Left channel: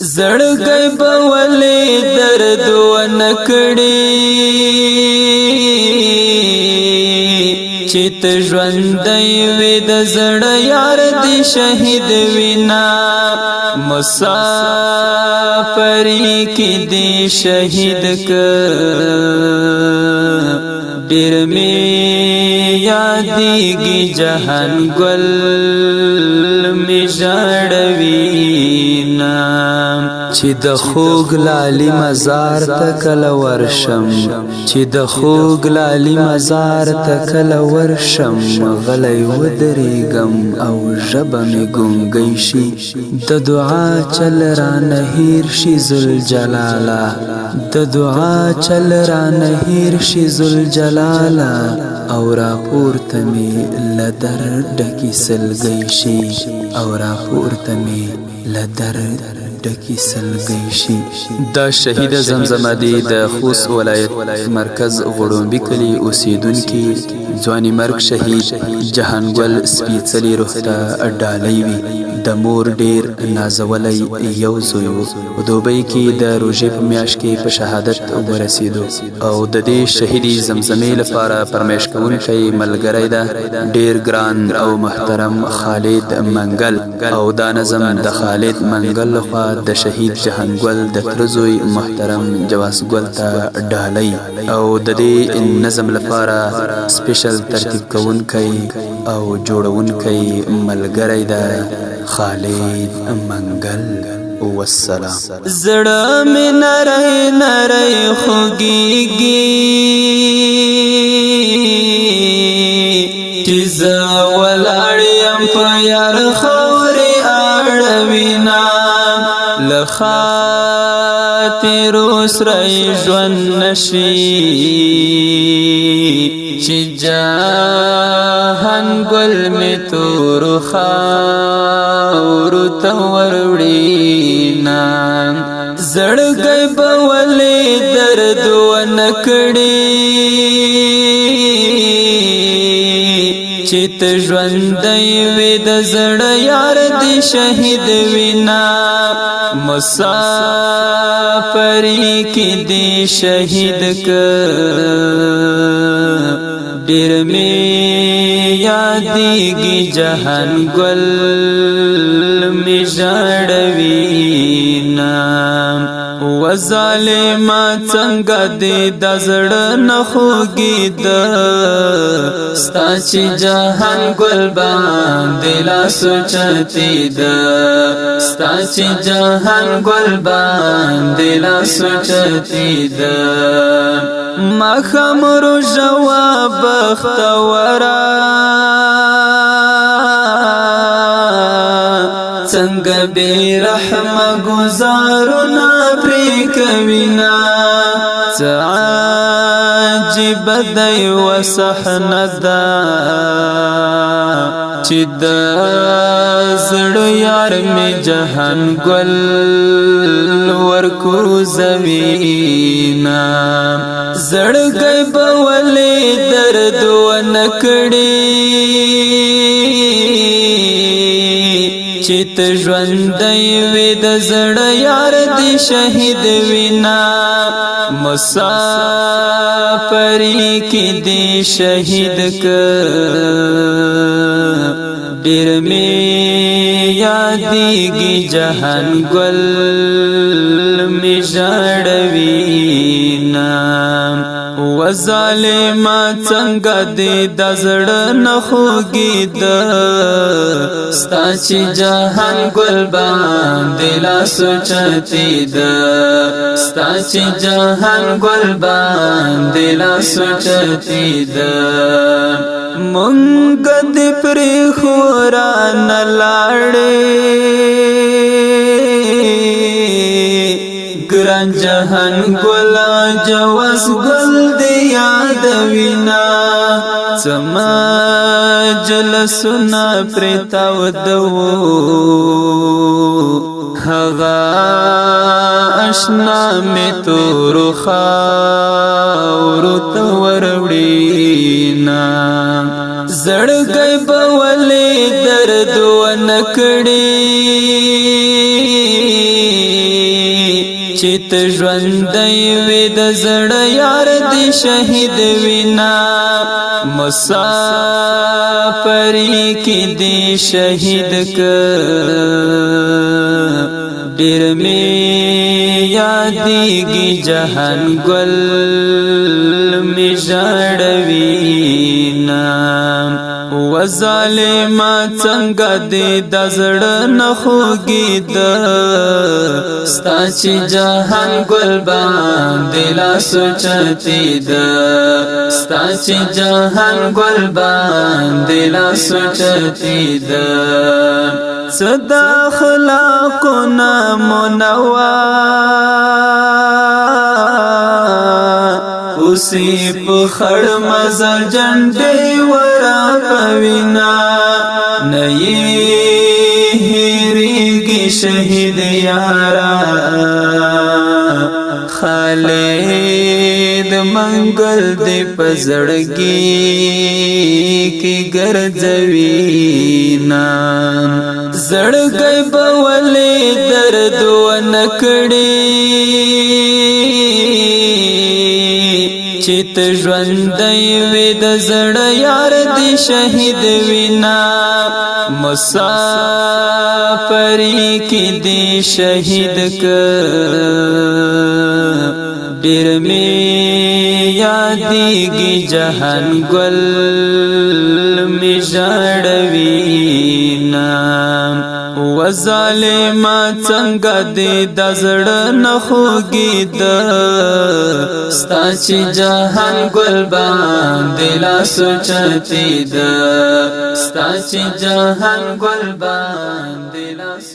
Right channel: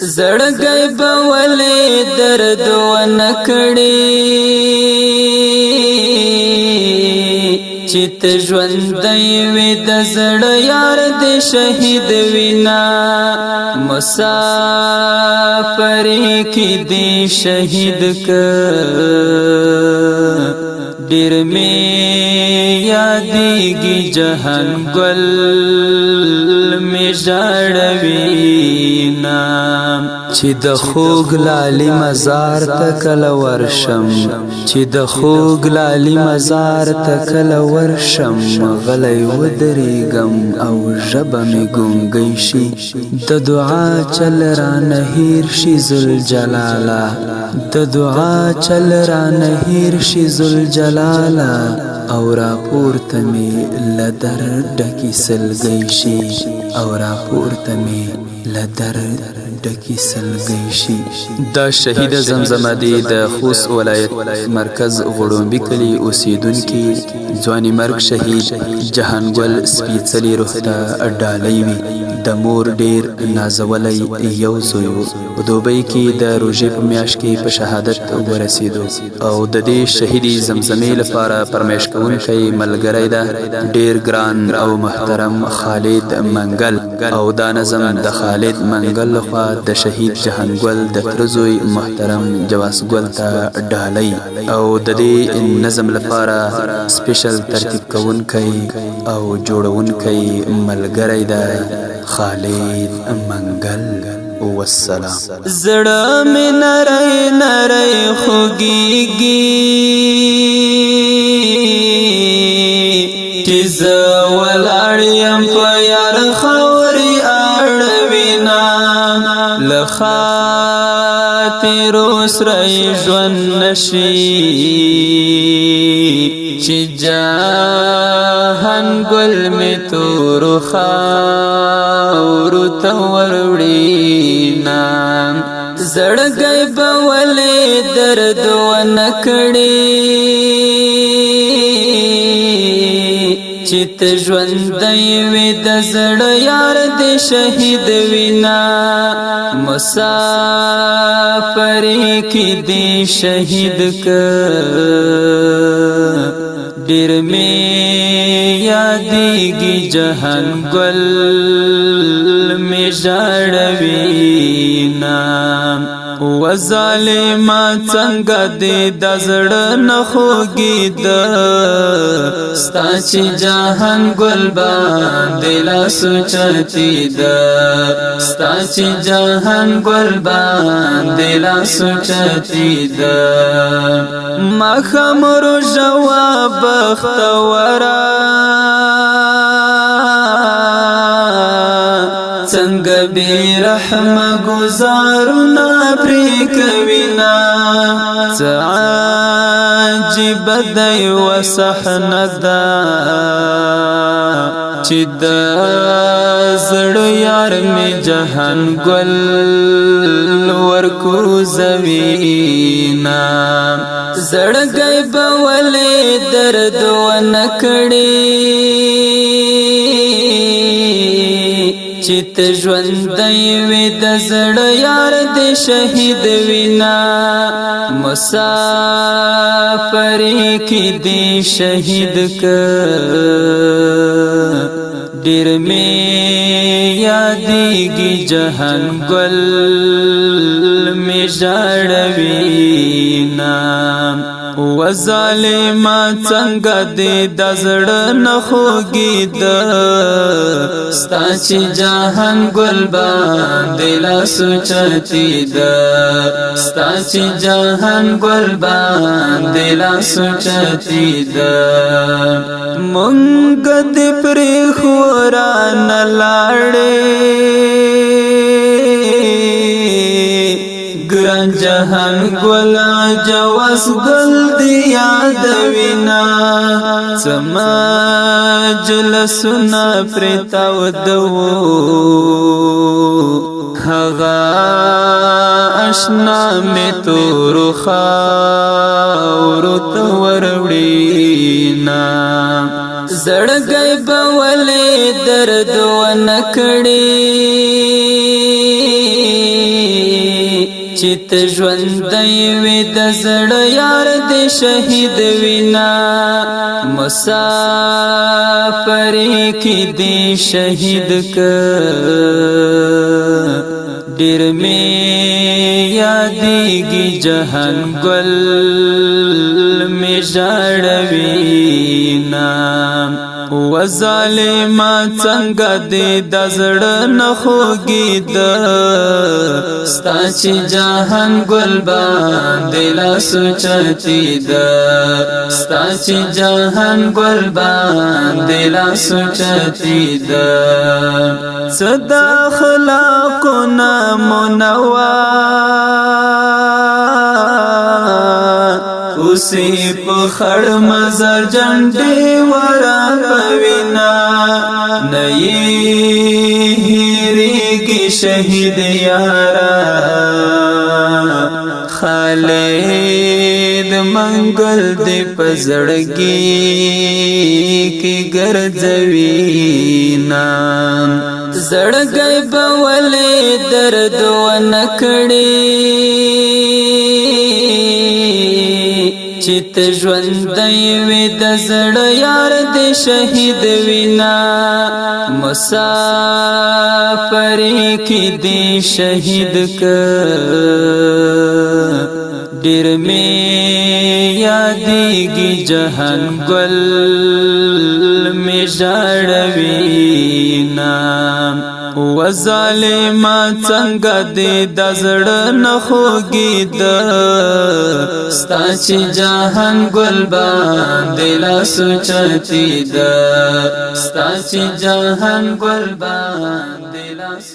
زړګی به ولې درد ونکړي چې ته ژوندی وې د زړه یار دې شهید وینا مسافرې کې دې شهید ډېر مې یادېږي جهان ګل مې ژړوينا چې د خوږ لالي مزار ته کله ورشم چې د خوږ لالي مزار ته کله ورشم غلی ودرېږم او ژبه مې ګونګی شي د دعا چل رانه هېر شي ذوالجلاله د دعا چل رانه هېر شي ذوالجلاله او راپورته مې له درده سلګی شي او راپورته مې له درده سلګی شي. دا شهید زمزمه دی د خوست ولایت مرکز غړومبي کلي اوسیدونکي ځواني مرګ شهید جهانګل سپېڅلي روح ته ډالۍ وي. د مور ډیر نازولی یو زوی و په دوبۍ کې د روژې په میاشت کې په شهادت ورسېدو او د دې شهیدي زمزمې لپاره فرمایش کوونکی ملګری ده ډیر ګران او محترم خالد منګل او دا نظم د خالد منګل لخوا د شهید جهانګل د تره زوی محترم جواسګل ته ډالۍ او د دې نظم لپاره سپیشل ترتیب کوونکی او جوړونکی ملګری ده خالد منګل. والسلام. زړه مې نری نری خوږېږي چې زه ولاړ یم په یار خاورې اړوینا له خاطرو سره ژوند نشي چې جهانګل مې تورو خاورو ته وروړينا زړګی به ولې درد ونکړي چې ته ژوندی وې د زړه یار دې شهید وینا مسافرې کې دې شهید ډېر مې یادېږي جهانګل مې ژړوينا و ظالما څنګه دې د زړه نه خوږېده ستا چې جهانګل باندې لاس اوچتېده ستا چې جهانګل باندې لاس اوچتېده ماښام روژه وه بختوره څنګه بې رحمه ګزارونه پرې کوينا څه عجیبه دی و صحنه ده چې د زړه یار مې جهانګل ورکوزوينا زړګی به ولې درد ونکړي چې ته ژوندی وې د زړه یار دې شهید وینا مسافرې کې دې شهید ډېر مې یادېږي جهانګل مې ژړوينا و ظالما څنګه دې د زړه نه خوږېده ستا چې جهانګل باندې لاس اوچتېده ستا چې جهانګل باندې لاس اوچتېده مونږ دې پرېښو رانه لاړې ګران جهانګل جواسګل دې یادوینا څه مجلسونه پرې تاوده وو هغه اشنا مې تورو خاورو ته وروړينا زړګی به ولې درد ونکړي چې ته ژوندی وې د زړه یار دې شهید وینا مسافر کې دې شهید ډېر مې یادېږي جهان ګل مې ژړوینا و ظالما څنګه دې د زړه نه خوږېده ستا چې جهان ګل باندې لاس اوچتېده ستا چې جهان ګل باندې لاس اوچتېده څه د اخلاقونه منور اوسې په خړ مزل جنډې ورا پوینا نه یې هېرېږي شهید یارا خالد منګل دې په زړګي کې ګرځوینا زړګی به ولې درد ونه کړي چې ته ژوندی وې د زړه یار دې شهید وینا مسافر کې دې شهید ډېر مې یادېږي جهان ګل مې ژړوینا و ظالما څنګه دې د زړه نه خوږېده ستا چې جهان ګل باندې لاس اوچتېده ستا چې جهان ګل باندې لاس